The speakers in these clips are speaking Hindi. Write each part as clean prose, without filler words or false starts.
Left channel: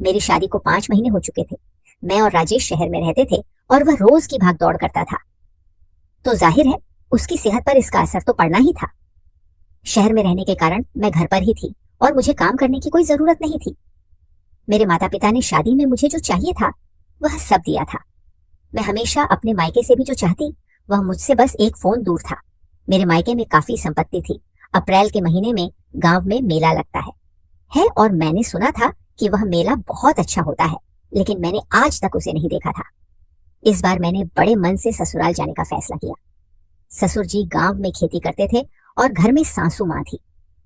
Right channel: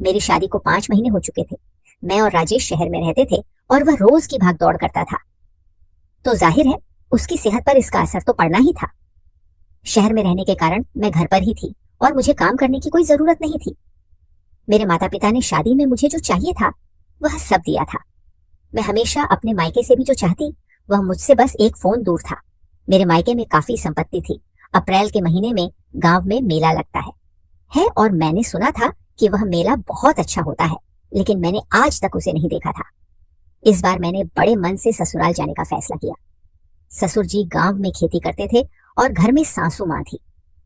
मेरी शादी को 5 महीने हो चुके थे। मैं और राजेश शहर में रहते थे और वह रोज की भाग दौड़ करता था, तो जाहिर है उसकी सेहत पर इसका असर तो पड़ना ही था। शहर में रहने के कारण मैं घर पर ही थी और मुझे काम करने की कोई जरूरत नहीं थी। मेरे माता पिता ने शादी में मुझे जो चाहिए था वह सब दिया था। मैं हमेशा अपने मायके से भी जो चाहती वह मुझसे बस एक फोन दूर था। मेरे मायके में काफी संपत्ति थी। अप्रैल के महीने में गांव में मेला लगता है और मैंने सुना था कि वह मेला बहुत अच्छा होता है, लेकिन मैंने आज तक उसे नहीं देखा था। इस बार मैंने बड़े मन से ससुराल जाने का फैसला किया। ससुर जी गांव में खेती करते थे और घर में सासू माँ थी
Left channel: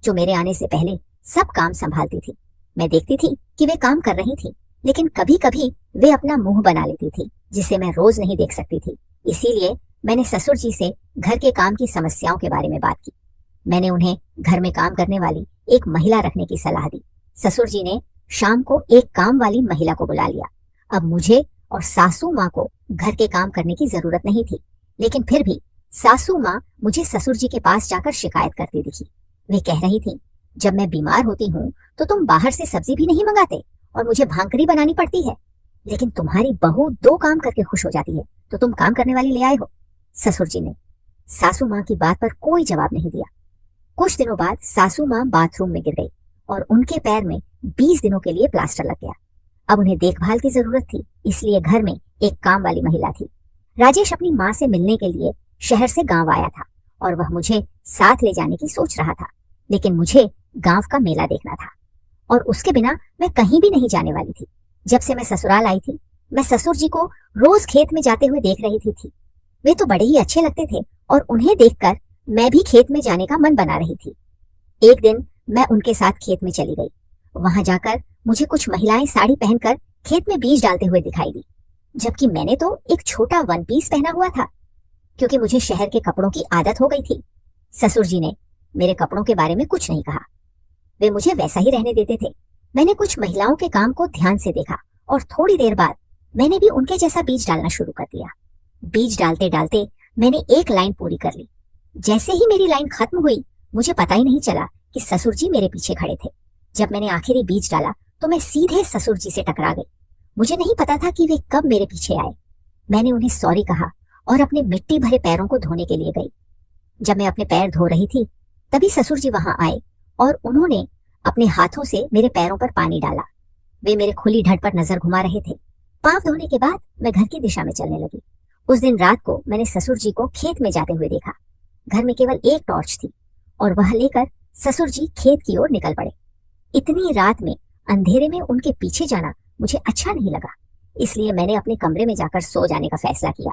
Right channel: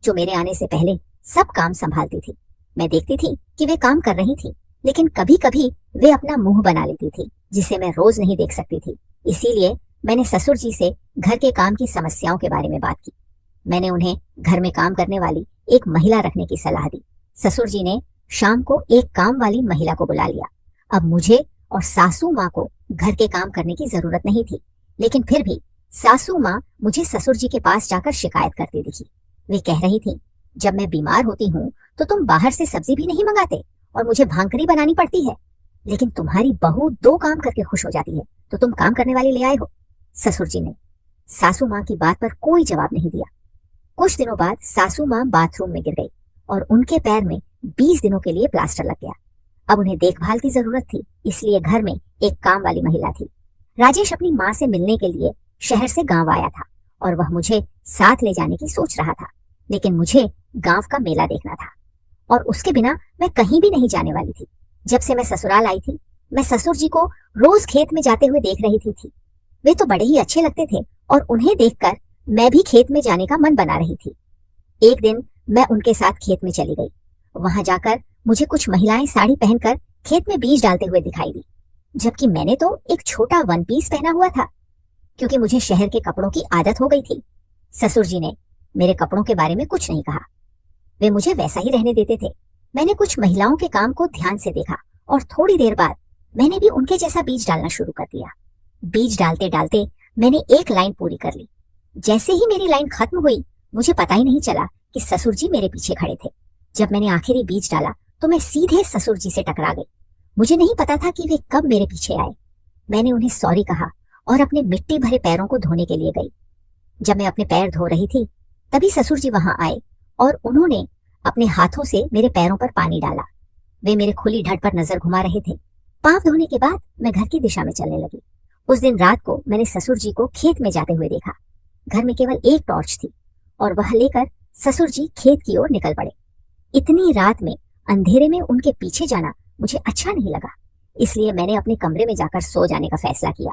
जो मेरे आने से पहले सब काम संभालती थी। मैं देखती थी कि वे काम कर रही थी, लेकिन कभी कभी वे अपना मुंह बना लेती थी जिसे मैं रोज नहीं देख सकती थी। इसीलिए मैंने ससुर जी से घर के काम की समस्याओं के बारे में बात की। मैंने उन्हें घर में काम करने वाली एक महिला रखने की सलाह दी। ससुर जी ने शाम को एक काम वाली महिला को बुला लिया। अब मुझे और सासू माँ को घर के काम करने की जरूरत नहीं थी, लेकिन फिर भी सासू माँ मुझे ससुर जी के पास जाकर शिकायत करती दिखी। वे कह रही थी, जब मैं बीमार होती हूँ तो तुम बाहर से सब्जी भी नहीं मंगाते और मुझे भांकरी बनानी पड़ती है, लेकिन तुम्हारी बहू 2 काम करके खुश हो जाती है तो तुम काम करने वाली ले आए हो। ससुर जी ने सासू माँ की बात पर कोई जवाब नहीं दिया। कुछ दिनों बाद सासू माँ बाथरूम में गिर गई और उनके पैर में 20 दिनों के लिए प्लास्टर लग गया। अब उन्हें देखभाल की जरूरत थी, इसलिए घर में एक काम वाली महिला थी। राजेश अपनी माँ से मिलने के लिए शहर से गांव आया था और वह मुझे साथ ले जाने की सोच रहा था, लेकिन मुझे गांव का मेला देखना था और उसके बिना मैं कहीं भी नहीं जाने वाली थी। जब से मैं ससुराल आई थी, मैं ससुर जी को रोज खेत में जाते हुए देख रही थी। वे तो बड़े ही अच्छे लगते थे और उन्हें देखकर मैं भी खेत में जाने का मन बना रही थी। एक दिन मैं उनके साथ खेत में चली गई। वहां जाकर मुझे कुछ महिलाएं साड़ी पहनकर खेत में बीज डालते हुए दिखाई दी, जबकि मैंने तो एक छोटा 1 पीस पहना हुआ था, क्योंकि मुझे शहर के कपड़ों की आदत हो गई थी। ससुर जी ने मेरे कपड़ों के बारे में कुछ नहीं कहा, वे मुझे वैसा ही रहने देते थे। मैंने कुछ महिलाओं के काम को ध्यान से देखा और थोड़ी देर बाद मैंने भी उनके जैसा बीज डालना शुरू कर दिया। बीज डालते डालते मैंने एक लाइन पूरी कर ली। जैसे ही मेरी लाइन खत्म हुई, मुझे पता ही नहीं चला कि ससुर जी मेरे पीछे खड़े थे। जब मैंने आखिरी बीज डाला तो मैं सीधे ससुर जी से टकरा गई। मुझे नहीं पता था कि वे कब मेरे पीछे आए। मैंने उन्हें सॉरी कहा और अपने मिट्टी भरे पैरों को धोने के लिए गई। जब मैं अपने पैर धो रही थी, तभी ससुर जी वहां आए और उन्होंने अपने हाथों से मेरे पैरों पर पानी डाला। वे मेरे खुली ढट पर नजर घुमा रहे थे। पांव धोने के बाद मैं घर की दिशा में चलने लगी। उस दिन रात को मैंने ससुर जी को खेत में जाते हुए देखा। घर में केवल एक टॉर्च थी और वह लेकर ससुर जी खेत की ओर निकल पड़े। इतनी रात में अंधेरे में उनके पीछे जाना मुझे अच्छा नहीं लगा, इसलिए मैंने अपने कमरे में जाकर सो जाने का फैसला किया।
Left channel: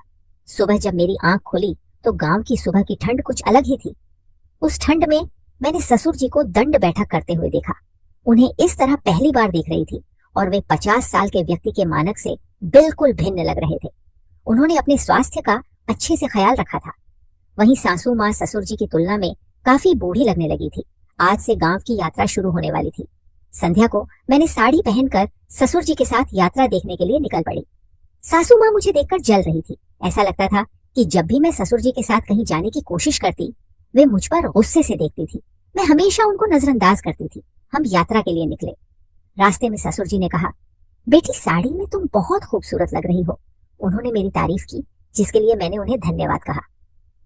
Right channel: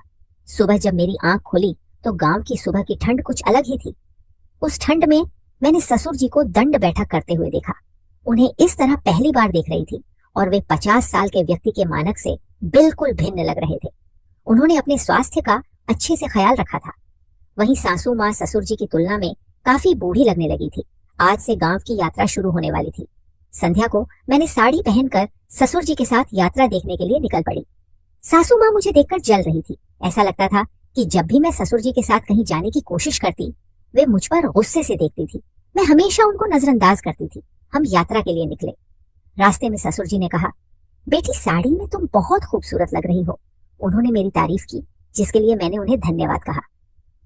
सुबह जब मेरी आंख खुली तो गांव की सुबह की ठंड कुछ अलग ही थी। उस ठंड में मैंने ससुर जी को दंड बैठक करते हुए देखा। उन्हें इस तरह पहली बार देख रही थी और वे 50 साल के व्यक्ति के मानक से बिल्कुल भिन्न लग रहे थे। उन्होंने अपने स्वास्थ्य का अच्छे से ख्याल रखा था। वहीं सासू माँ ससुर जी की तुलना में काफी बूढ़ी लगने लगी थी। आज से गांव की यात्रा शुरू होने वाली थी। संध्या को मैंने साड़ी पहनकर ससुर जी के साथ यात्रा देखने के लिए निकल पड़ी। सासू माँ मुझे देखकर जल रही थी। ऐसा लगता था कि जब भी मैं ससुर जी के साथ कहीं जाने की कोशिश करती, वे मुझ पर गुस्से से देखती थी। मैं हमेशा उनको नजरअंदाज करती थी। हम यात्रा के लिए निकले। रास्ते में ससुर जी ने कहा, बेटी साड़ी में तुम बहुत खूबसूरत लग रही हो। उन्होंने मेरी तारीफ की, जिसके लिए मैंने उन्हें धन्यवाद कहा।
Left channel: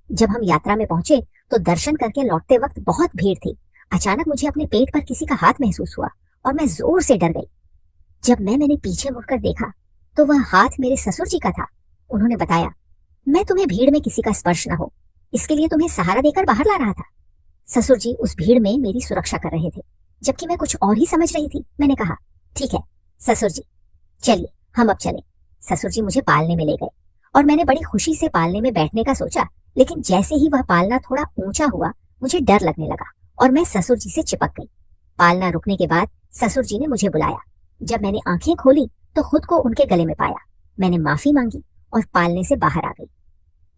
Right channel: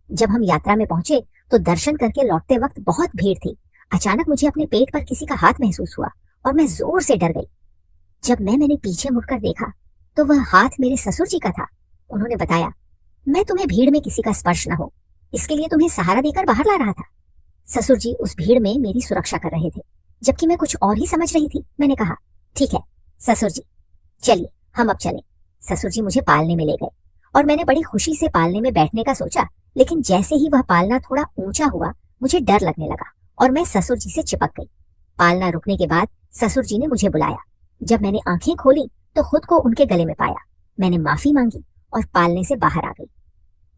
जब हम यात्रा में पहुंचे तो दर्शन करके लौटते वक्त बहुत भीड़ थी। अचानक मुझे अपने पेट पर किसी का हाथ महसूस हुआ और मैं जोर से डर गई। जब मैंने पीछे मुड़कर देखा तो वह हाथ मेरे ससुर जी का था। उन्होंने बताया, मैं तुम्हें भीड़ में किसी का स्पर्श न हो, इसके लिए तुम्हें सहारा देकर बाहर ला रहा था। ससुर जी उस भीड़ में मेरी सुरक्षा कर रहे थे, जबकि मैं कुछ और ही समझ रही थी। मैंने कहा, ठीक है ससुर जी, चलिए हम अब चले। ससुर जी मुझे पालने में ले गए और मैंने बड़ी खुशी से पालने में बैठने का सोचा, लेकिन जैसे ही वह पालना थोड़ा ऊंचा हुआ, मुझे डर लगने लगा और मैं ससुर जी से चिपक गई। पालना रुकने के बाद ससुर जी ने मुझे बुलाया। जब मैंने आंखें खोली तो खुद को उनके गले में पाया। मैंने माफी मांगी और पालने से बाहर आ गई।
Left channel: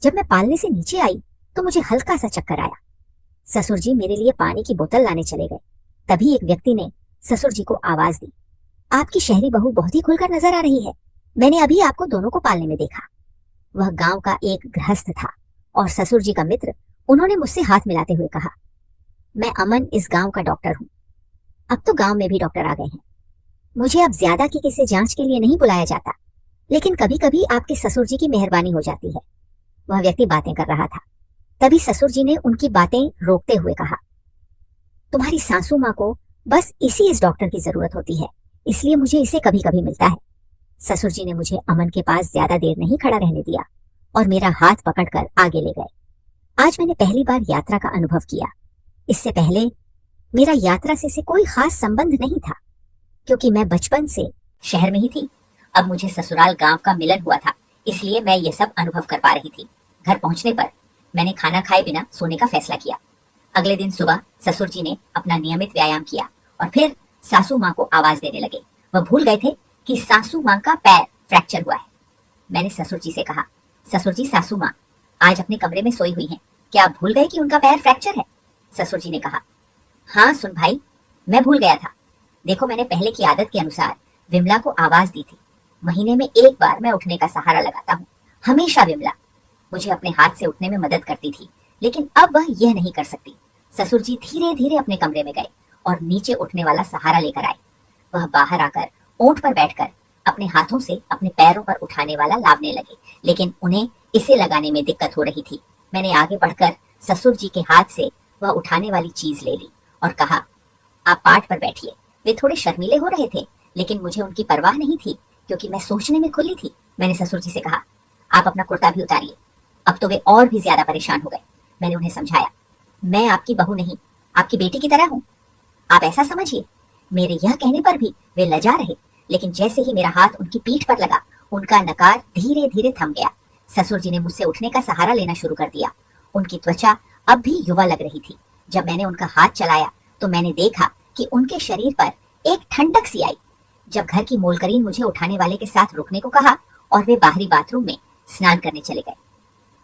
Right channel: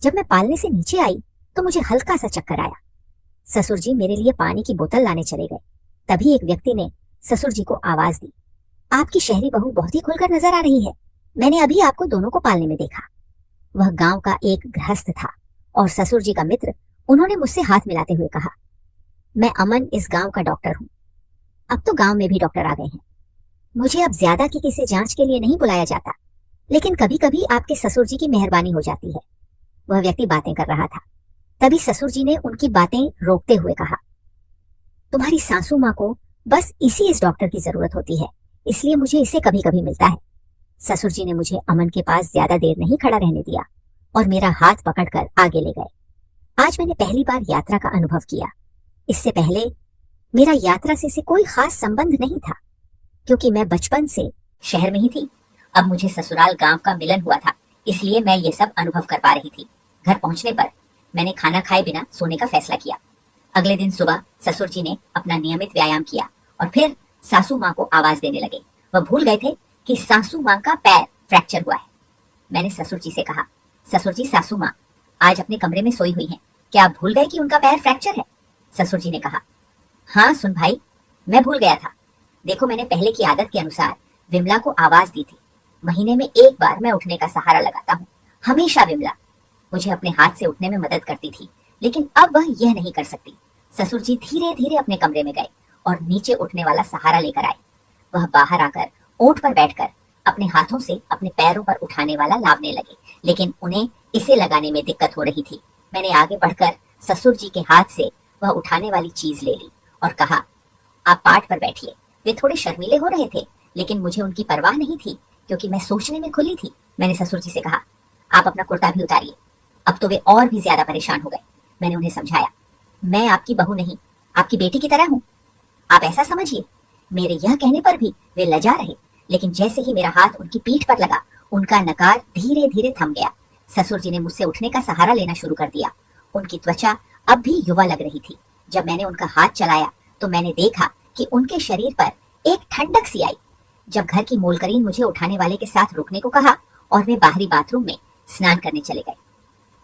जब मैं पालने से नीचे आई तो मुझे हल्का सा चक्कर आया। ससुर जी मेरे लिए पानी की बोतल लाने चले गए। तभी एक व्यक्ति ने ससुर जी को आवाज दी, आपकी शहरी बहू बहुत ही खुलकर नजर आ रही है। मैंने अभी आपको दोनों को पालने में देखा। वह गांव का एक गृहस्थ था और ससुर जी का मित्र। उन्होंने मुझसे हाथ मिलाते हुए कहा, मैं अमन इस गांव का डॉक्टर हूँ। अब तो गांव में भी डॉक्टर आ गए हैं। मुझे अब ज्यादा की किसी जांच के लिए नहीं बुलाया जाता, लेकिन कभी कभी आपके ससुर जी की मेहरबानी हो जाती है। वह व्यक्ति बातें कर रहा था। तभी ससुर जी ने उनकी बातें रोकते हुए कहा, तुम्हारी सासू माँ को बस इस डॉक्टर की जरूरत होती है, इसलिए मुझे इसे कभी कभी मिलता है। ससुर जी ने मुझे अमन के पास ज्यादा देर नहीं खड़ा रहने दिया और मेरा हाथ पकड़कर आगे ले गए। आज मैंने पहली बार यात्रा का अनुभव किया। इससे पहले मेरा यात्रा से कोई खास संबंध नहीं था, क्योंकि मैं बचपन से शहर में ही थी। अब मुझे ससुराल गांव का मिलन हुआ था, इसलिए मैं ये सब अनुभव कर पा रही थी। घर पहुंचने पर मैंने खाना खाए बिना सोने का फैसला किया। अगले दिन सुबह ससुर जी ने अपना नियमित व्यायाम किया और फिर सासू माँ को आवाज देने लगे। वह भूल गए थे कि सासू माँ का पैर फ्रैक्चर हुआ है। मैंने ससुर जी से कहा, ससुर जी, सासू माँ आज अपने कमरे में सोई हुई हैं, क्या आप भूल गए कि उनका पैर फ्रैक्चर है? ससुर जी ने कहा, हाँ सुन भाई, मैं भूल गया था। देखो, मैंने पहले की आदत के अनुसार विमला को आवाज दी थी। महीने में एक बार मैं उठने का सहारा लगाता हूँ। हमेशा विमला मुझे अपने हाथ से उठने में मदद करती थी, लेकिन अब वह यह नहीं कर सकती। ससुर जी धीरे धीरे अपने कमरे में गए और नीचे उठने वाला सहारा लेकर आए। वह बाहर आकर ऊंट पर बैठकर अपने हाथों से अपने पैरों पर उठाने वाला लावने लगे, लेकिन उन्हें इसे लगाने में दिक्कत हो रही थी। मैंने आगे बढ़कर ससुर जी के हाथ से वह उठाने वाली चीज ले ली और कहा, आप पाट पर बैठिए। वे थोड़े शर्मीले हो रहे थे, लेकिन मुझे उनकी परवाह नहीं थी, क्योंकि मैं सोचने में खुली थी। मैंने ससुर जी से कहा, आप अपना कुर्ता भी उतारिए। अब तो वे और भी ज्यादा परेशान हो गए। मैंने उन्हें समझाया, मैं आपकी बहू नहीं, आपकी बेटी की तरह हूँ, आप ऐसा समझिए। मेरे यह कहने पर भी वे लजा रहे, लेकिन जैसे ही मेरा हाथ उनकी पीठ पर लगा, उनका नकार धीरे धीरे थम गया। ससुर जी ने मुझसे उठने का सहारा लेना शुरू कर दिया। उनकी त्वचा अब भी युवा लग रही थी। जब मैंने उनका हाथ चलाया तो मैंने देखा कि उनके शरीर पर एक ठंडक सी आई। जब घर की मोलकरीन मुझे उठाने वाले के साथ रुकने को कहा और वे बाहरी बाथरूम में स्नान करने चले गए।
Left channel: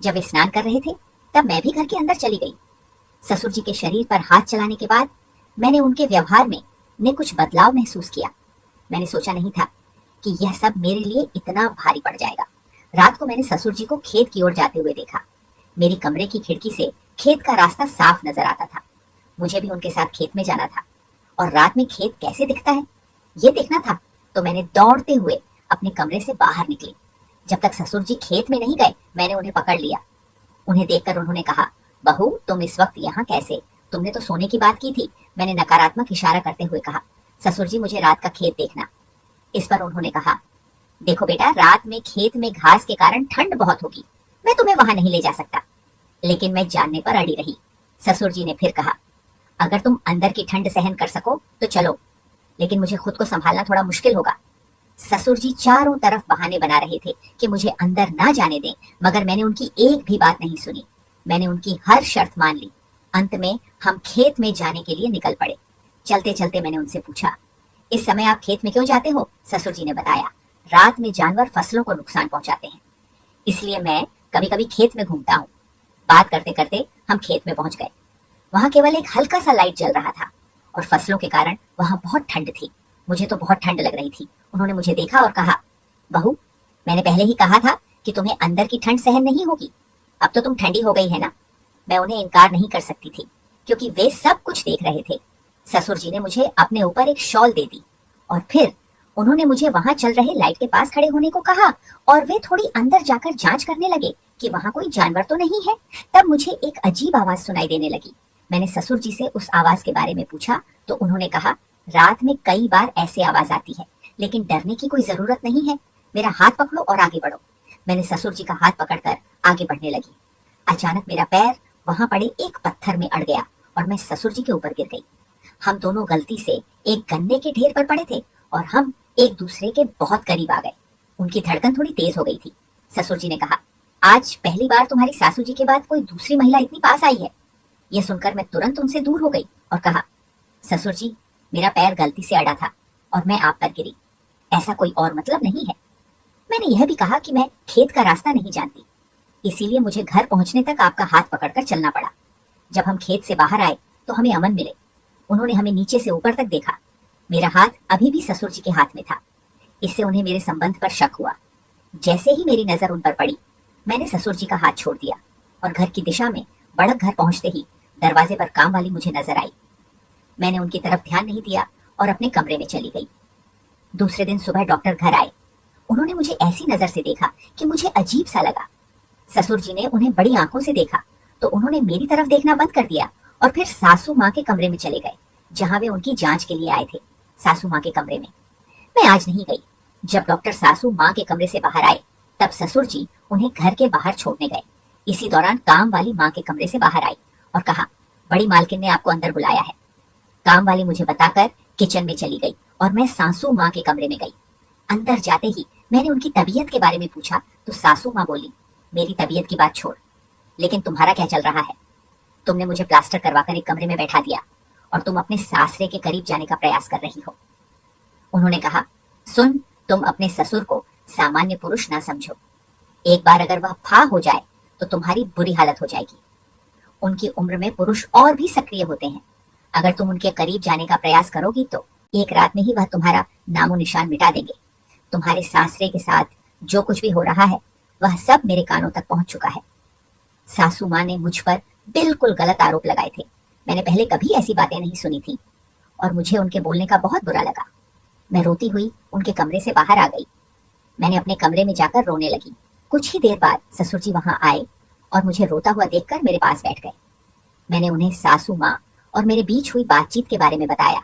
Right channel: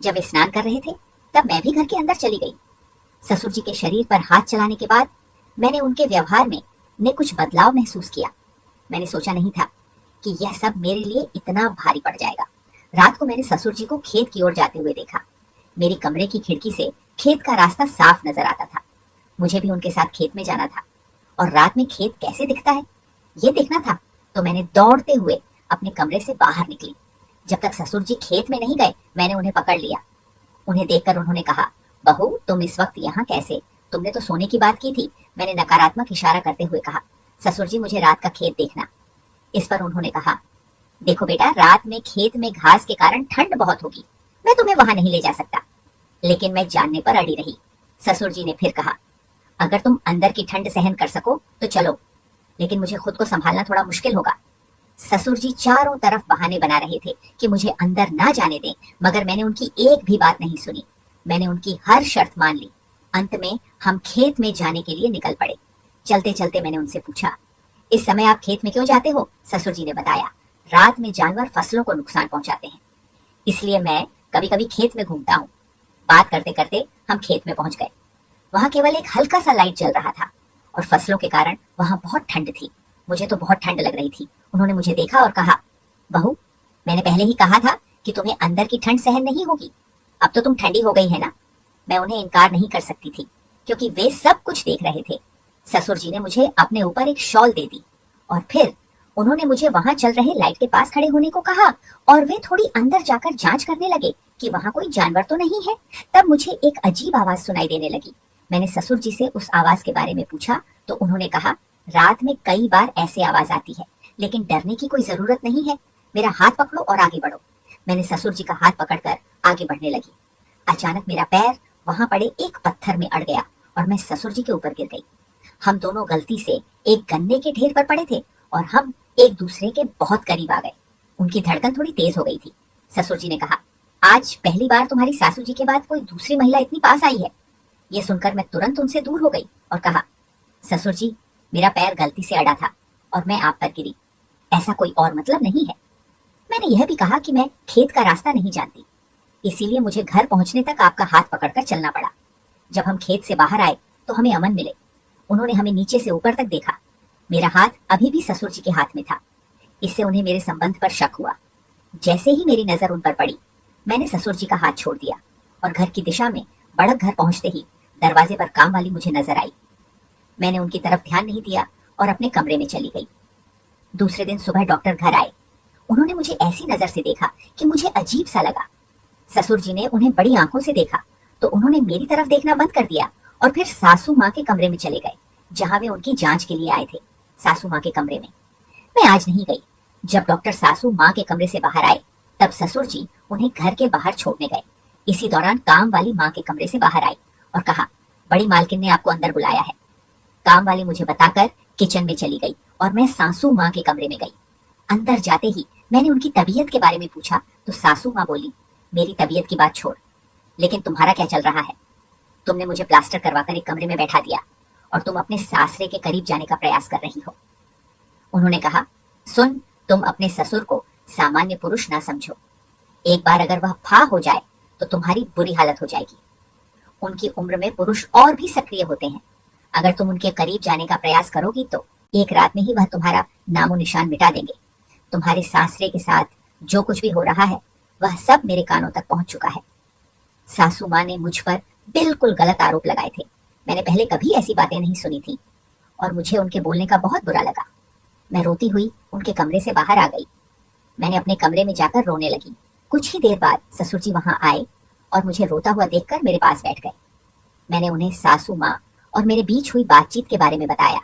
जब वे स्नान कर रहे थे तब मैं भी घर के अंदर चली गई। ससुर जी के शरीर पर हाथ चलाने के बाद मैंने उनके व्यवहार में कुछ बदलाव महसूस किया। मैंने सोचा नहीं था कि यह सब मेरे लिए इतना भारी पड़ जाएगा। रात को मैंने ससुर जी को खेत की ओर जाते हुए देखा। मेरी कमरे की खिड़की से खेत का रास्ता साफ नजर आता था। मुझे भी उनके साथ खेत में जाना था और रात में खेत कैसे दिखता है ये देखना था। तो मैंने दौड़ते हुए अपने कमरे से बाहर निकली। जब तक ससुर जी खेत में नहीं गए मैंने उन्हें पकड़ लिया। उन्हें देखकर उन्होंने कहा, बहू तुम इस वक्त यहाँ कैसे? तुमने तो सोने की बात की थी। मैंने नकारात्मक इशारा करते हुए कहा, ससुर जी मुझे रात का खेत देखना। इस पर उन्होंने कहा, देखो बेटा, रात में खेत में घास के कारण ठंड बहुत होगी, मैं तुम्हें वहां नहीं ले जा सकता। लेकिन मैं जानने पर अड़ी रही। ससुर जी ने फिर कहा, अगर तुम अंदर की ठंड सहन कर सको तो चलो, लेकिन मुझे खुद को संभालना थोड़ा मुश्किल होगा। ससुर जी चारों तरफ बहाने बना रहे थे कि मुझे अंदर ना जाने दें, मगर मैंने उनकी एक भी बात नहीं सुनी। मैंने उनकी हर शर्त मान ली। अंत में हम खेत में जाने के लिए निकल पड़े। चलते चलते मैंने उनसे पूछा, इस समय आप खेत में क्यों जाते हो? ससुर जी ने बताया, रात में जानवर फसलों को नुकसान पहुंचाते हैं, इसलिए मैं कभी कभी खेत में घूमता हूँ। बात करते करते हम खेत में पहुंच गए। वहां केवल एक हल्का सा लाइट जल रहा था और फसलों के कारण वहां बहुत ठंड थी। मुझे तो बहुत ठंड लग रही थी। उन्होंने मुझे देखा और कहा, बहू मैंने पहले ही कहा था कि तुम्हें अंदर की ठंड सहन नहीं होगी। अब तो तुम ठंडी हो गई है ना। मैं उन्हें इनकार नहीं कर सकती थी, क्योंकि वे सब कुछ देख रहे थे। ससुर जी ने मुझे अपने ऊपर एक शॉल दे दी और फिर उन्होंने मुझे वहां चल रहे लाइट के पास खड़े होने को कहा और वे थोड़ी अंदर जाकर जांच करने लगे कि वहां कोई जानवर तो नहीं है। तब मुझे एक अजीब आवाज सुनाई देने लगी। मैंने ससुर जी से उस आवाज के बारे में पूछा तो उन्होंने कहा, रात में कई बार ऐसे आवाज आती है, लेकिन डरने की कोई जरूरत नहीं है। मेरा हाथ पकड़ो और आगे बढ़ो। मैंने ससुर जी का हाथ पकड़कर आगे बढ़ने लगी। अचानक मेरा पैर वहां पड़े एक पत्थर में अड़ गया और मैं ससुर जी के ऊपर गिर गई। हम दोनों गलती से एक गन्ने के ढेर पर पड़े थे और हम एक दूसरे के बहुत करीब आ गए। उनकी धड़कन थोड़ी तेज हो गई थी। ससुर जी ने कहा, आज पहली बार तुम्हारी सासू जी के बाद कोई दूसरी महिला इतनी पास आई है। ये सुनकर मैं तुरंत उनसे दूर हो गई और कहा, ससुर जी मेरा पैर गलती से अड़ा था और मैं आप पर गिरी, ऐसा कोई और मतलब नहीं है। मैंने यह भी कहा कि मैं खेत का रास्ता नहीं जानती, इसीलिए मुझे घर पहुंचने तक आपका हाथ पकड़कर चलना पड़ा। जब हम खेत से बाहर आए तो हमें अमन मिले। उन्होंने हमें नीचे से ऊपर तक देखा। मेरा हाथ अभी भी ससुर जी के हाथ में था। इससे उन्हें मेरे संबंध पर शक हुआ। जैसे ही मेरी नजर उन पर पड़ी मैंने ससुर जी का हाथ छोड़ दिया और घर की दिशा में बढ़क घर पहुंचते ही दरवाजे पर काम वाली मुझे नजर आई। मैंने उनकी तरफ ध्यान नहीं दिया और अपने कमरे में चली गई। दूसरे दिन सुबह डॉक्टर घर आए। उन्होंने मुझे ऐसी नजर से देखा कि मुझे अजीब सा लगा। ससुर जी ने उन्हें बड़ी आंखों से देखा तो उन्होंने मेरी तरफ देखना बंद कर दिया और फिर सासू माँ के कमरे में चले गए, जहां वे उनकी जांच के लिए आए थे। सासू माँ के कमरे में मैं आज नहीं गई। जब डॉक्टर सासू माँ के कमरे से बाहर आए तब ससुर जी उन्हें घर के बाहर छोड़ने गए। इसी दौरान काम वाली माँ के कमरे से बाहर आई और कहा, बड़ी मालकिन ने आपको अंदर बुलाया है। काम वाली मुझे बताकर किचन में चली गई और मैं सासू माँ के कमरे में गई। अंदर जाते ही मैंने उनकी तबीयत के बारे में पूछा तो सासू माँ बोली, मेरी तबीयत की बात छोड़, लेकिन तुम्हारा क्या चल रहा है? तुमने मुझे प्लास्टर करवाकर एक कमरे में बैठा दिया और तुम अपने सासरे के करीब जाने का प्रयास कर रही हो। उन्होंने कहा, सुन, तुम अपने ससुर को सामान्य पुरुष ना समझो। एक बार अगर वह फा हो जाए तो तुम्हारी बुरी हालत हो जाएगी। उनकी उम्र में पुरुष और भी सक्रिय होते हैं। अगर तुम उनके करीब जाने का प्रयास करोगी तो एक रात में ही वह तुम्हारा नामो निशान मिटा देंगे। तुम्हारे सासरे के साथ जो कुछ भी हो रहा है वह सब मेरे कानों तक पहुंच चुका है। सासू माँ ने मुझ पर बिल्कुल गलत आरोप लगाए थे। मैंने पहले कभी ऐसी बातें नहीं सुनी थी और मुझे उनके बोलने का बहुत बुरा लगा। मैं रोती हुई उनके कमरे से बाहर आ गई। मैंने अपने कमरे में जाकर रोने लगी। कुछ ही देर बाद ससुर जी वहां आए और मुझे रोता हुआ देखकर मेरे पास बैठ गए। मैंने उन्हें सासू माँ और मेरे बीच हुई बातचीत के बारे में बताया।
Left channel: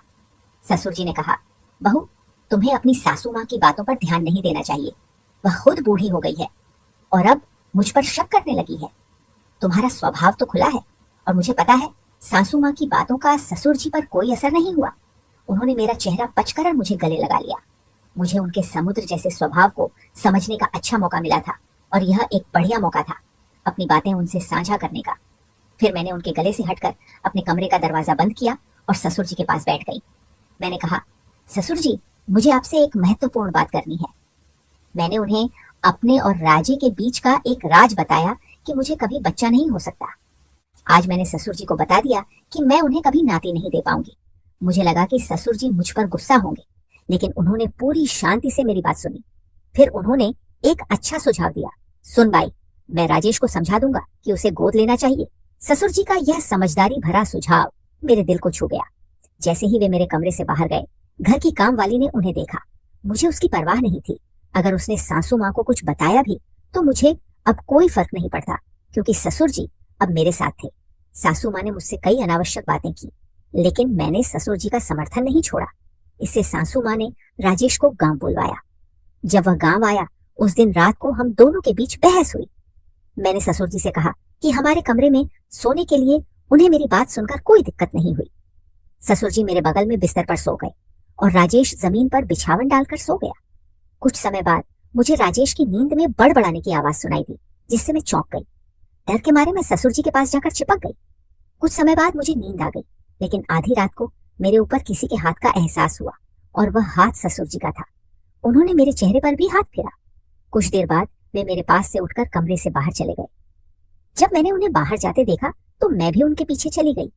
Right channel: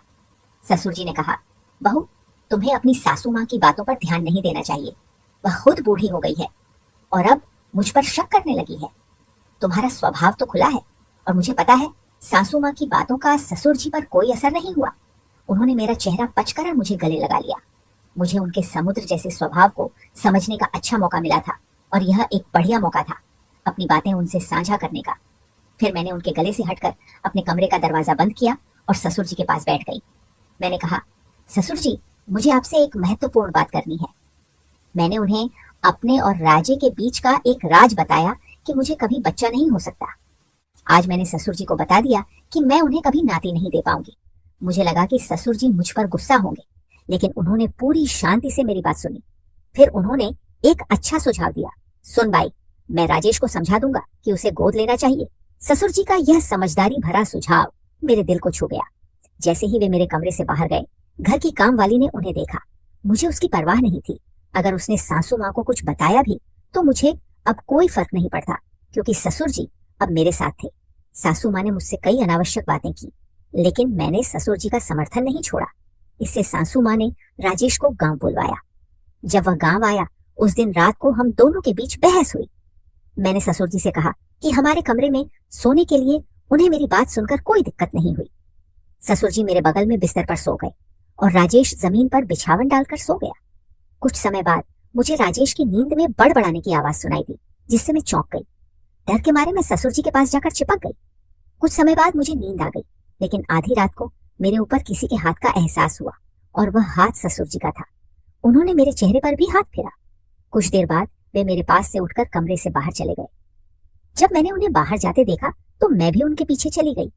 ससुर जी ने कहा, बहू, तुम्हें अपनी सासू माँ की बातों पर ध्यान नहीं देना चाहिए। वह खुद बूढ़ी हो गई है और अब मुझ पर शक करने लगी है। तुम्हारा स्वभाव तो खुला है और मुझे पता है सासू माँ की बातों का ससुर जी पर कोई असर नहीं हुआ। उन्होंने मेरा चेहरा पचकर मुझे गले लगा लिया। मुझे उनके समुद्र जैसे स्वभाव को समझने का अच्छा मौका मिला था और यह एक बढ़िया मौका था अपनी बातें उनसे साझा करने का। फिर मैंने उनके गले से हटकर अपने कमरे का दरवाजा बंद किया और ससुर जी के पास बैठ गई। मैंने कहा, ससुर जी, मुझे आपसे एक महत्वपूर्ण बात करनी है। मैंने उन्हें अपने और राजे के बीच का एक राज बताया कि मुझे कभी बच्चा नहीं हो सकता। आज मैंने ससुर जी को बता दिया कि मैं उन्हें कभी नाती नहीं दे पाऊंगी। मुझे लगा कि ससुर जी मुझ पर गुस्सा होंगे, लेकिन उन्होंने पूरी शांति से मेरी बात सुनी। फिर उन्होंने एक अच्छा सुझाव दिया। सुन बाई, मैं राजेश को समझा दूंगा कि उसे गोद लेना चाहिए। ससुर जी का यह समझदारी भरा सुझाव मेरे दिल को छू गया। जैसे ही वे मेरे कमरे से बाहर गए, घर की काम वाली ने उन्हें देखा। मुझे उसकी परवाह नहीं थी। अगर उसने सासू माँ को कुछ बताया भी तो मुझे अब कोई फर्क नहीं पड़ता, क्योंकि ससुर जी अब मेरे साथ थे। सासू माँ ने मुझसे कई अनावश्यक बातें की, लेकिन मैंने ससुर जी का समर्थन नहीं छोड़ा। इससे सासू माँ ने राजेश को गांव बुलवाया। जब वह गांव आया, उस दिन रात को हम दोनों के बीच बहस हुई। मैंने ससुर जी से कहा कि हमारे कमरे में सोने के लिए उन्हें मेरी बात सुनकर कोई दिक्कत नहीं हुई। ससुर जी मेरे बगल में बिस्तर पर सो गए और राजेश जमीन पर बिछावन डालकर सो गया। कुछ समय बाद मुझे राजेश की नींद में बड़बड़ाने की आवाज सुनाई दी, जिससे मैं चौंक गई। डर के मारे मैं ससुर जी के पास जाकर चिपक गई। कुछ समय बाद मुझे नींद आ गई, लेकिन आधी रात को मेरे ऊपर किसी के हाथ का एहसास हुआ और वह हाथ ससुर जी का था। उन्होंने मेरे चेहरे पर भी हाथ फेरा। कुछ देर बाद वे मेरे पास से उठकर कमरे से बाहर चले गए। जब मैंने उन्हें बाहर जाते देखा तो मैं भी उनके पीछे चली गई।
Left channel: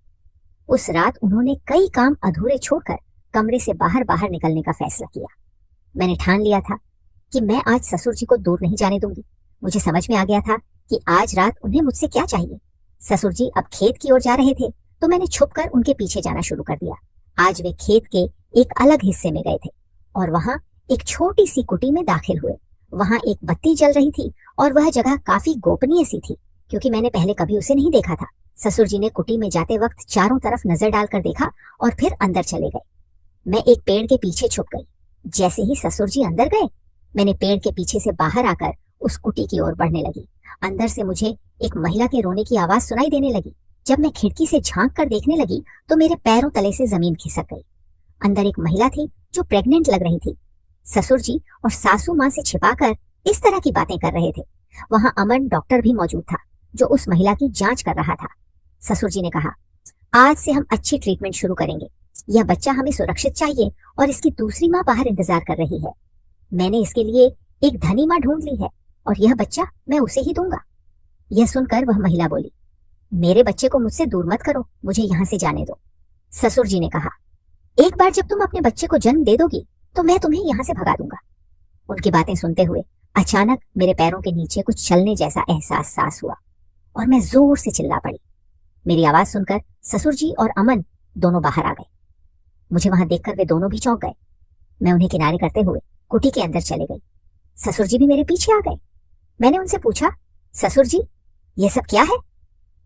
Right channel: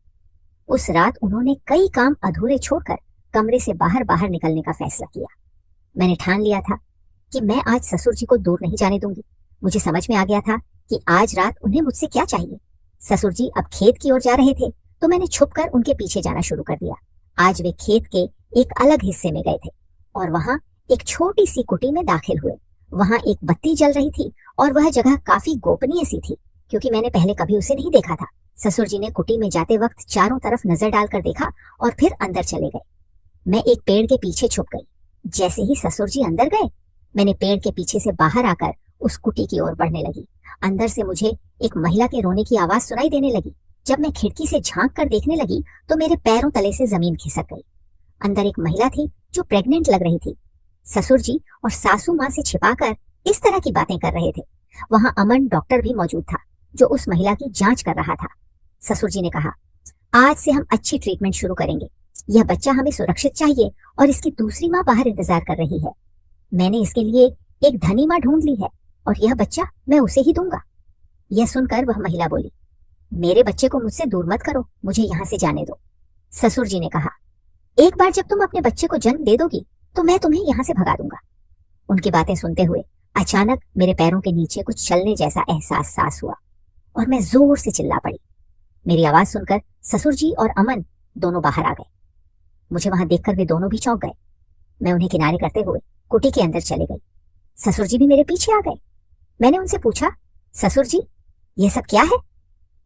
उस रात उन्होंने कई काम अधूरे छोड़कर कमरे से बाहर बाहर निकलने का फैसला किया। मैंने ठान लिया था कि मैं आज ससुर जी को दूर नहीं जाने दूंगी। मुझे समझ में आ गया था कि आज रात उन्हें मुझसे क्या चाहिए। ससुर जी अब खेत की ओर जा रहे थे तो मैंने छुपकर उनके पीछे जाना शुरू कर दिया। आज वे खेत के एक अलग हिस्से में गए थे और वहां एक छोटी सी कुटी में दाखिल हुए। वहां एक बत्ती जल रही थी और वह जगह काफी गोपनीय सी थी, क्योंकि मैंने पहले कभी उसे नहीं देखा था। ससुर जी ने कुटी में जाते वक्त चारों तरफ नजर डालकर देखा और फिर अंदर चले गए। मैं एक पेड़ के पीछे छुप गई। जैसे ही ससुर जी अंदर गए, मैंने पेड़ के पीछे से बाहर आकर उस कुटी की ओर बढ़ने लगी। अंदर से मुझे एक महिला के रोने की आवाज सुनाई देने लगी। जब मैं खिड़की से झांक कर देखने लगी तो मेरे पैरों तले से जमीन खिसक गई। अंदर एक महिला थी जो प्रेग्नेंट लग रही थी। ससुर जी और सासू माँ से छिपाकर इस तरह की बातें कर रहे थे। वहां अमन डॉक्टर भी मौजूद था, जो उस महिला की जांच कर रहा था। ससुर जी ने कहा, आज से हम अच्छी ट्रीटमेंट शुरू करेंगे। यह बच्चा हमें सुरक्षित चाहिए और इसकी दूसरी माँ बाहर इंतजार कर रही है। मैंने इसके लिए एक धनी माँ ढूंढ ली है और यह बच्चा मैं उसे ही दूंगा। यह सुनकर वह महिला बोली, मेरे बच्चे को मुझसे दूर मत करो, मुझे यहाँ से जाने दो। ससुर जी ने कहा, एक बार जब तुम अपने बच्चे को जन्म दे दोगी तो मैं तुम्हें यहाँ से भगा दूंगा। उनकी बातें सुनते हुए अचानक मेरे पैरों के नीचे कुछ चलने जैसा एहसास हुआ और मैं जोर से चिल्ला पड़ी। मेरी आवाज सुनकर ससुर जी और अमन दोनों बाहर आ गए। मुझे वहां देखकर वे दोनों भी चौंक गए। मैं उन्हें किनारे करते हुए कुटी के अंदर चले गई। ससुर जी भी मेरे पीछे आ गए। मैंने उनसे पूछा, ससुर जी ये सब क्या है?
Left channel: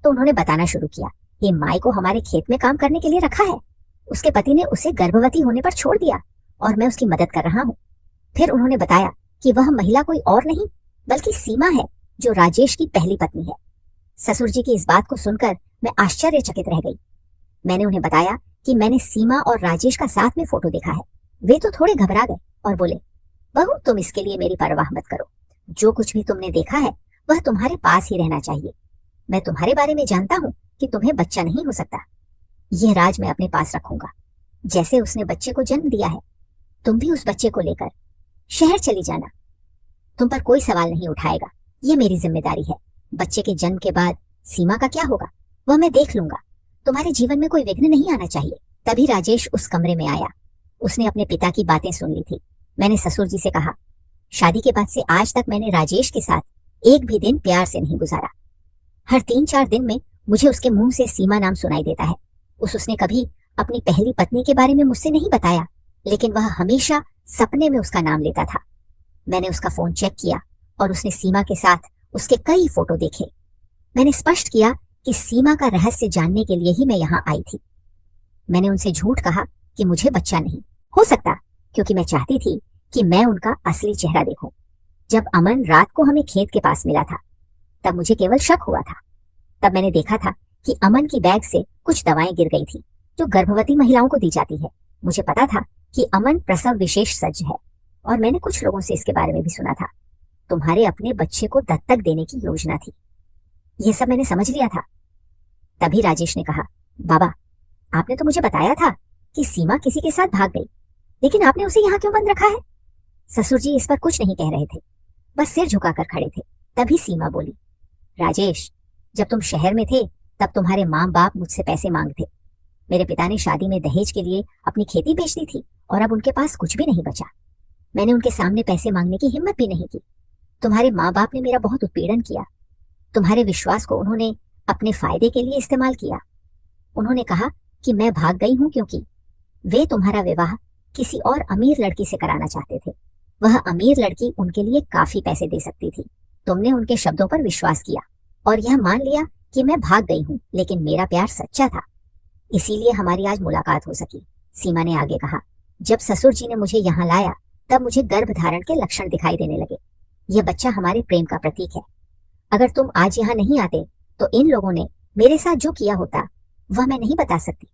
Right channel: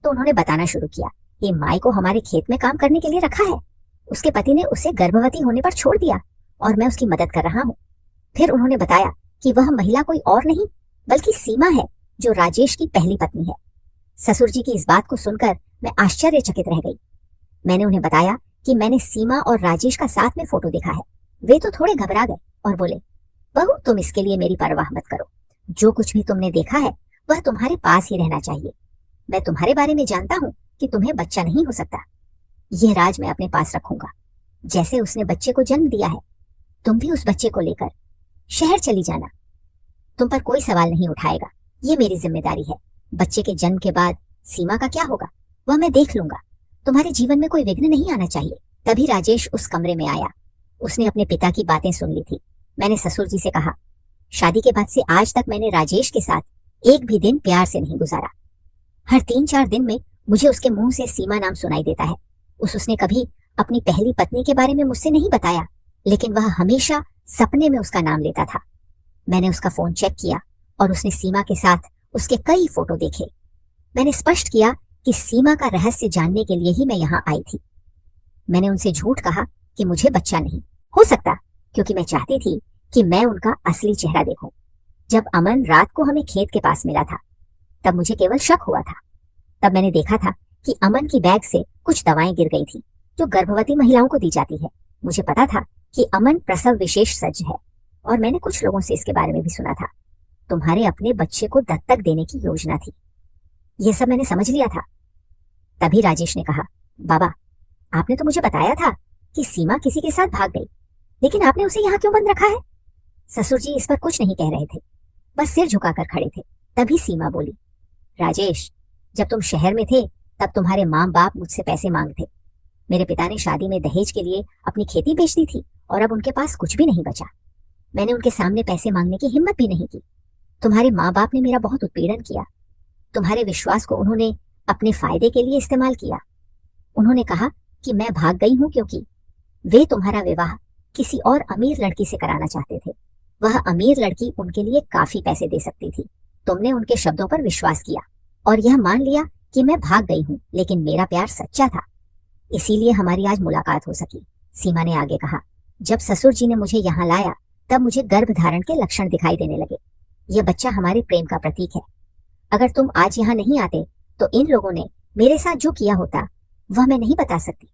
तो उन्होंने बताना शुरू किया कि माई को हमारे खेत में काम करने के लिए रखा है। उसके पति ने उसे गर्भवती होने पर छोड़ दिया और मैं उसकी मदद कर रहा हूँ। फिर उन्होंने बताया कि वह महिला कोई और नहीं बल्कि सीमा है, जो राजेश की पहली पत्नी है। ससुर जी की इस बात को सुनकर मैं आश्चर्यचकित रह गई। मैंने उन्हें बताया कि मैंने सीमा और राजेश का साथ में फोटो देखा है। वे तो थोड़े घबरा गए और बोले, बहू तुम इसके लिए मेरी परवाह मत करो। जो कुछ भी तुमने देखा है वह तुम्हारे पास ही रहना चाहिए। मैं तुम्हारे बारे में जानता हूँ कि तुम्हें बच्चा नहीं हो सकता। ये राज मैं अपने पास रखूंगा। जैसे उसने बच्चे को जन्म दिया है, तुम भी उस बच्चे को लेकर शहर चली जाना। तुम पर कोई सवाल नहीं उठाएगा, ये मेरी जिम्मेदारी है। बच्चे के जन्म के बाद सीमा का क्या होगा वह मैं देख लूंगा। तुम्हारे जीवन में कोई विघ्न नहीं आना चाहिए। तभी राजेश उस कमरे में आया। उसने अपने पिता की बातें सुन ली थी। मैंने ससुर जी से कहा, शादी के बाद से आज तक मैंने राजेश के साथ एक भी दिन प्यार से नहीं गुजारा। हर 3-4 दिन में मुझे उसके मुंह से सीमा नाम सुनाई देता है। उसने कभी अपनी पहली पत्नी के बारे में मुझसे नहीं बताया, लेकिन वह हमेशा सपने में उसका नाम लेता था। मैंने उसका फोन चेक किया और उसने सीमा के साथ उसके कई फोटो देखे। मैंने स्पष्ट किया कि सीमा का रहस्य जानने के लिए ही मैं यहाँ आई थी। मैंने उनसे झूठ कहा कि मुझे बच्चा नहीं हो सकता, क्योंकि मैं चाहती थी कि मैं उनका असली चेहरा देखूं। जब अमन रात को हमें खेत के पास मिला था, तब मुझे केवल शक हुआ था। तब मैंने देखा था कि अमन की बैग से कुछ दवाएं गिर गई थी जो गर्भवती महिलाओं को दी जाती है। मुझे पता था कि अमन प्रसव विशेष सज्ज है और मैंने कुछ लोगों से इसके बारे में भी सुना था। तुम्हारे अपने बच्चे को दत्तक देने की योजना थी। यह सब मैंने समझ लिया था। तभी राजेश ने कहा, बाबा आपने तो मुझे बताया था कि सीमा किसी के साथ भाग गई, लेकिन आपने उसे यहाँ क्यों बंद रखा है? ससुर जी इस पर कुछ नहीं कह रहे थे, बस सिर झुकाकर खड़े थे। तभी सीमा बोली, राजेश जब तुम शहर में थे तब तुम्हारे माँ बाप मुझसे पैसे मांगते। मेरे पिता ने शादी में दहेज के लिए अपनी खेती बेच दी थी और अब उनके पास कुछ भी नहीं बचा। मैंने उनके सामने पैसे मांगने की हिम्मत भी नहीं की। तुम्हारे माँ बाप ने मेरा बहुत उत्पीड़न किया। तुम्हारे विश्वास को उन्होंने अपने फायदे के लिए इस्तेमाल किया। उन्होंने कहा कि मैं भाग गई हूं क्योंकि वे तुम्हारा विवाह किसी और अमीर लड़की से कराना चाहते थे। वह अमीर लड़की उनके लिए काफी पैसे दे सकती थी। तुमने उनके शब्दों पर विश्वास किया और यह मान लिया कि मैं भाग गई हूँ, लेकिन मेरा प्यार सच्चा था। इसीलिए हमारी आज मुलाकात हो सकी। सीमा ने आगे कहा, जब ससुर जी ने मुझे यहाँ लाया तब मुझे गर्भ धारण के लक्षण दिखाई देने लगे। यह बच्चा हमारे प्रेम का प्रतीक है। अगर तुम आज यहाँ नहीं आते तो इन लोगों ने मेरे साथ जो किया होता वह मैं नहीं बता सकती।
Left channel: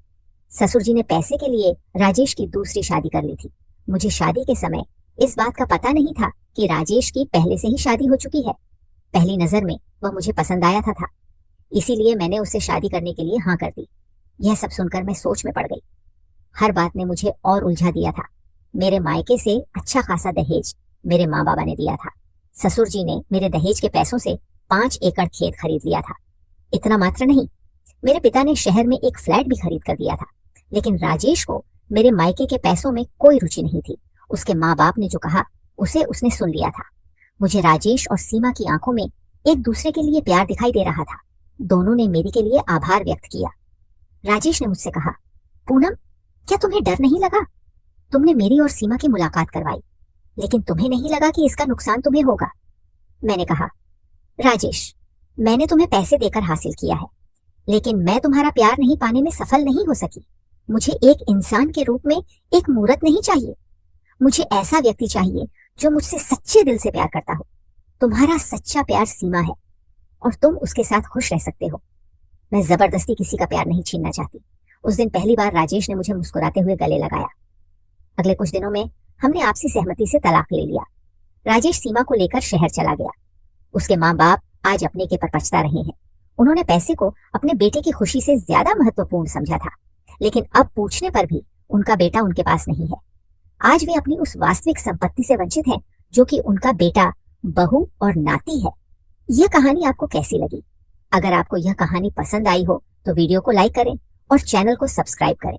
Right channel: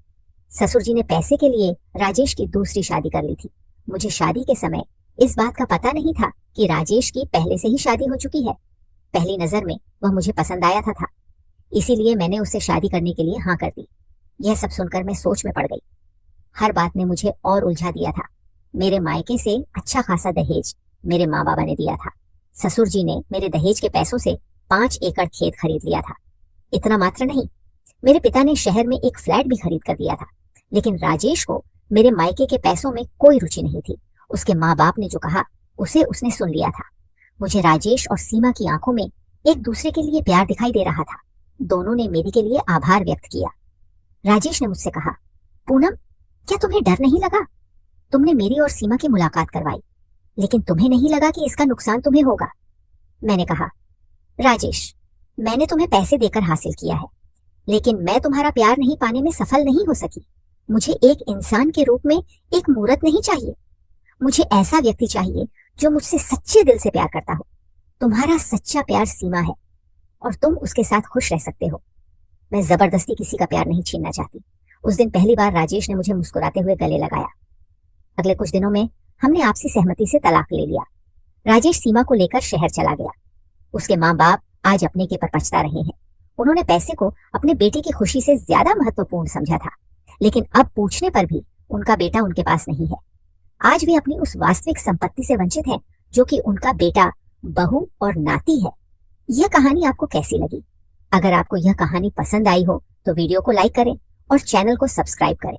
ससुर जी ने पैसे के लिए राजेश की दूसरी शादी कर ली थी। मुझे शादी के समय इस बात का पता नहीं था कि राजेश की पहले से ही शादी हो चुकी है। पहली नजर में वह मुझे पसंद आया था, इसीलिए मैंने उससे शादी करने के लिए हाँ कर दी। यह सब सुनकर मैं सोच में पड़ गई। हर बात ने मुझे और उलझा दिया था। मेरे मायके से अच्छा खासा दहेज मेरे माँ बाबा ने दिया था। ससुर जी ने मेरे दहेज के पैसों से 5 एकड़ खेत खरीद लिया था। इतना मात्र नहीं, मेरे पिता ने शहर में एक फ्लैट भी खरीद कर दिया था। लेकिन राजेश को मेरे मायके के पैसों में कोई रुचि नहीं थी। उसके माँ बाप ने जो कहा उसे उसने सुन लिया था। मुझे राजेश और सीमा की आंखों में एक दूसरे के लिए प्यार दिखाई दे रहा था। दोनों ने मेरी के लिए आभार व्यक्त किया। राजेश ने मुझसे कहा, पूनम क्या तुम्हें डर नहीं लगा? तुमने मेरी और सीमा की मुलाकात करवाई, लेकिन तुम्हें नहीं लगा कि इसका नुकसान तुम्हें होगा? मैंने कहा, राजेश मैंने तुम्हें पैसे देकर हासिल किया है, लेकिन मैं तुम्हारा प्यार नहीं पाने में सफल नहीं हो सकी। मुझे एक इंसान के रूप में एक मूर्त नहीं चाहिए। मुझे ऐसा व्यक्ति चाहिए जो मुझसे सच्चे दिल से प्यार करता हो। तुम्हारा सच्चा प्यार सीमा है और तुम उसके साथ खुश रह सकते हो। मैं जबरदस्ती किसी का प्यार नहीं छीनना चाहती। उस दिन पहली बार राजेश ने मुझे मुस्कुराते हुए गले लगाया। अगले कुछ दिनों में हमने आपसी सहमति से तलाक ले लिया। राजेश सीमा को लेकर शहर चला गया। उसके माँ बाप आज अपने के पर पछता रहे हैं। उन्होंने पैसे को अपने बेटे की खुशी से ज्यादा महत्वपूर्ण समझा था, लेकिन अब पूछने पर भी उनका बेटा उनके पास नहीं है। आज वे अपनी उस वास्तविक संपत्ति से वंचित हैं जो कि उनका बेटा, बहू और नाती है। यह कहानी आपको कैसी लगी? अगर आपको यह कहानी पसंद आई हो तो वीडियो को लाइक करें और चैनल को सब्सक्राइब करें।